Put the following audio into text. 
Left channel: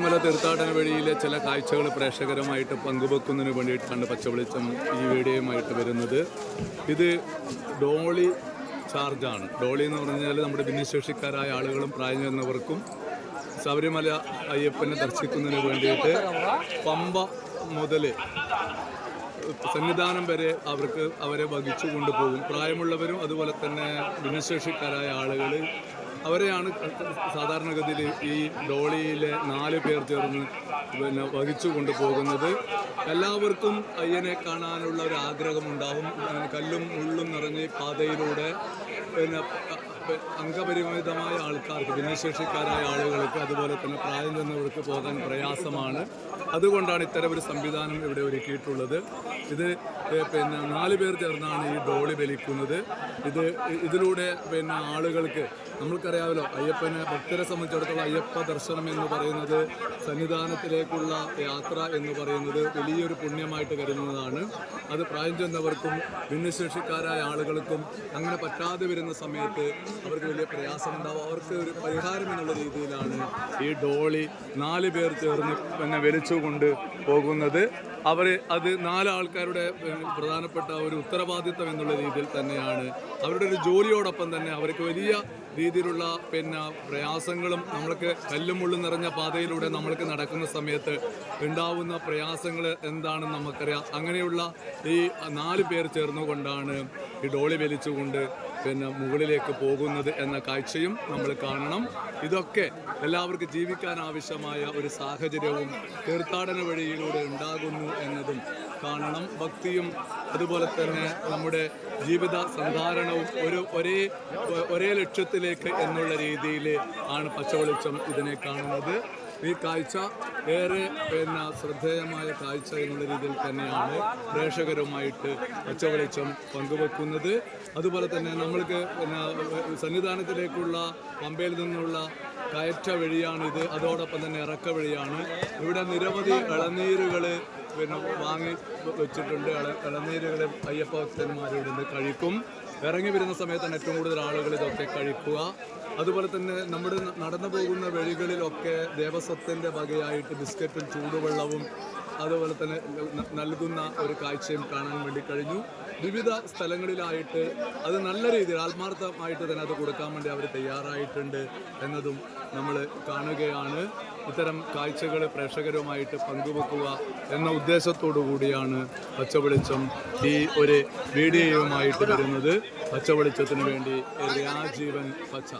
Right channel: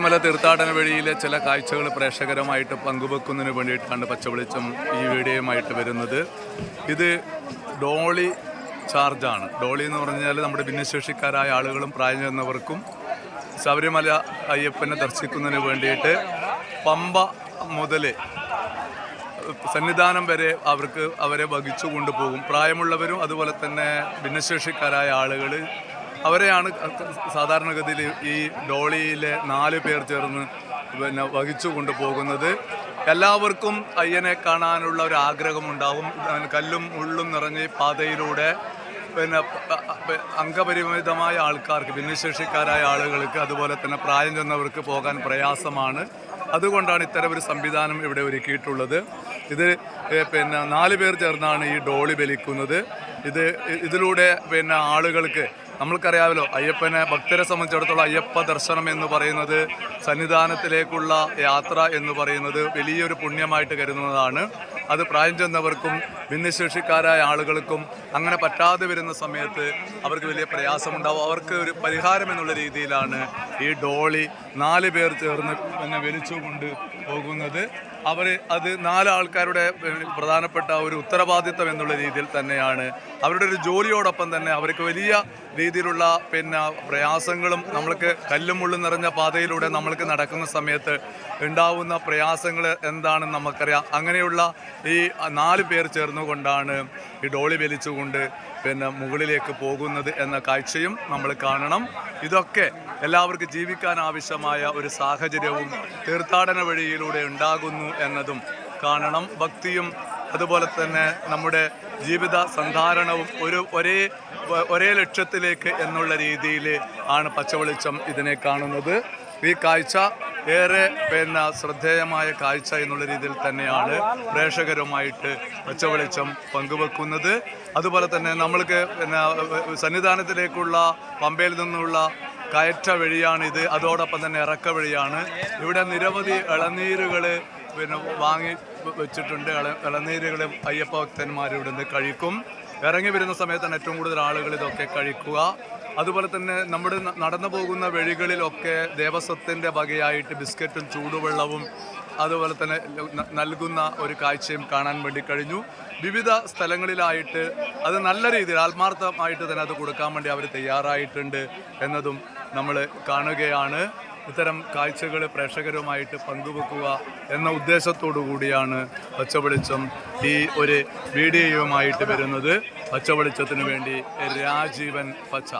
മല തീർത്ഥാടന വഴിയിലെ ചില കാഴ്ചകൾ പ്രേക്ഷകരുമായിട്ട് പങ്കുവെക്കുന്നതിന് വേണ്ടിയിട്ടാണ് പച്ചവെളിച്ചം ഈ വീഡിയോയുമായിട്ട് വരുന്നത്. ഇത് ഡോളി ചാർജാണ്. ഡോളി എന്ന് പറഞ്ഞാൽ നമ്മുടെ ഭിന്നശേഷിക്കാരായ ആളുകളും പ്രായം ചെന്നവർക്കും ശബരിമല അയ്യപ്പനെ ദർശിക്കുന്നതിന് വേണ്ടിയിട്ട് പമ്പ മുതൽ സന്നിധാനം വരെ അവരെ വഹിച്ചു കൊണ്ടുപോകും. പ്രായമുള്ളവരും അതുപോലെ തന്നെ ഭിന്നശേഷിക്കാരായ ആളുകൾ അവരെയാണ് സാധാരണഗതിയിൽ ഈ ഡോളിയിലെ 4 പേർ ചേർന്ന് വഹിച്ചു കൊണ്ടുപോകുന്നത്. എല്ലാവർക്കും അയ്യനെ കാണാനുള്ള ഒരു ആഗ്രഹമുണ്ടാവും. കല്ലും മുള്ളും നിറഞ്ഞ് പാതയിലൂടെ അംഗപരിമിതമായ ആൾക്കാർക്ക്, ഭിന്നശേഷിക്കാരായ ആളുകൾക്ക് അതുപോലെ തന്നെ പ്രായം ചെന്നവർക്ക് പോകാൻ പ്രയാസമാണ്. അതുകൊണ്ടാണ് ഇത്തരം ഒരു സംവിധാനം ഇവിടെ ഒരുക്കിയിട്ടുള്ളത്. ഇത് 4 പേർ ചേർന്നാണ് ഈ ഡോളി വലിക്കുന്നത്. ഇതിലൂടെ ആളുകൾക്ക്, നമ്മൾക്കറിയാമല്ലോ, അയ്യപ്പനെ ഭക്തരെ സംബന്ധിച്ചിടത്തോളം അയ്യപ്പ ദർശനം എന്ന് പറയുന്നത്, സന്നിധാനത്തിലേക്കുള്ള യാത്ര എന്ന് പറയുന്നത് വലിയൊരു പുണ്യമായിട്ട് കരുതുന്നതാണ്. അത് പ്രായം ചെന്നവർക്കും ഭിന്നശേഷിക്കാരായ ആളുകൾക്കും അങ്ങനെ പറ്റാതെ വരുന്ന സമയത്ത് അവർക്ക് വലിയ പ്രയാസമുണ്ടാവും. അവർക്ക് ഒരു പരിഹാരം എന്നുള്ള രീതിയിലാണ് ഈ ഡോളി 4 പേർ ചേർന്ന് വലിച്ചുകൊണ്ട് പോകുന്നത്. അത് 4 ആൾക്കാരുടെ പ്രധാനപ്പെട്ട ഒരു ഉത്തരവാദിത്തം എന്നുള്ള രീതിയിൽ തന്നെയാണ്. അവരുടെ ഒരു ജോലിയോടൊപ്പം തന്നെ അവർക്ക് വലിയ രീതിയിലുള്ള പ്രയാസങ്ങളും, നമ്മൾക്ക് കല്ലും മുള്ളും നിറഞ്ഞ പാതയിലൂടെ നമ്മൾക്ക് നടക്കുന്ന സമയത്ത് ഉണ്ടാവുന്ന പ്രയാസങ്ങൾ എന്താണെന്ന് നമുക്കറിയാം. അങ്ങനെയുള്ള ഈ 4 പേർ ചേർന്നുകൊണ്ടാണ് ഈ ഡോളി വലിച്ചുകൊണ്ട് മുകളിലേക്ക് പോകുന്നത് എന്ന കാഴ്ചയും നമ്മൾ കാണണം. ഇതൊക്കെ എല്ലാവർക്കും ജീവിക്കാൻ ആവശ്യമായ ഒരു സാഹചര്യവും തീർത്ഥാടന വഴിയിലൂടെ ഉണ്ടാകുന്നു എന്നതും കാണണം. ഭക്തിയും അതുപോലെ തന്നെ നമ്മുടെ ജീവിത സന്ധാരണവും ഒരേ ലക്ഷ്യത്തിലേക്ക് എന്നുള്ള രീതിയിൽ ആണ് പച്ചവെളിച്ചം ഇതിനെ കാണുന്നത്. ഈ കാഴ്ച ഏറെ ശ്രദ്ധേയമായ കാഴ്ച എന്നുള്ള രീതിയിൽ തന്നെയാണ് പ്രേക്ഷകരുമായിട്ട് പച്ചവെളിച്ചം പങ്കുവെക്കുന്നത്. അതുപോലെ തന്നെ നമ്മൾക്ക് സന്നിധാനത്തിലേക്കുള്ള പമ്പയിൽ നിന്നുള്ള കയറ്റ വഴിയാണിത്. അതോടൊപ്പം തന്നെ ഇറക്ക വഴിയാണ്. ഇവിടെ നിരവധി ഇളനീരുകൾ വാങ്ങി വെച്ചിട്ടുണ്ട്. ഇളനീരുകൾ അയ്യപ്പ ഭക്തന്മാർ ഇവിടുന്ന് കഴിക്കും. ഇറങ്ങി വരുന്ന സമയത്താണ് ഏറ്റവും കൂടുതൽ ആളുകൾ ഇതൊക്കെ കഴിക്കുക. അതുപോലെ തന്നെ നമ്മുടെ നടന്നു പോകുന്ന വഴികളിലൊക്കെ ദേവസ്വത്തിൻ്റെ വകയായിട്ട് ബിസ്ക്കറ്റും ചൂടുവെള്ളവും അതുപോലെ തന്നെ നൽകുന്ന ഒരു കാഴ്ചയും കാണാൻ വേണ്ടി കഴിഞ്ഞു. വിവിധ സ്ഥലങ്ങളിലായിട്ട് അത് നല്ല രീതിയിൽ ആത്മാർത്ഥമായിട്ട് തന്നെ അത് കൊടുക്കാൻ വേണ്ടി അവർ തയ്യാറായിട്ടുണ്ട് എന്നതും നമ്മൾ കാണുകയാണ്. ഇത്തരം കാഴ്ചകൾ പ്രേക്ഷകരുമായിട്ട് പങ്കുവെക്കുക എന്ന ഉദ്ദേശത്തോടു കൂടിയാണ് പച്ചവെളിച്ചം ഈ ഒരു വീഡിയോയുമായിട്ട് വരുന്നത്. പച്ചവെളിച്ചത്തിന് വേണ്ടി രാജീവൻ പച്ച.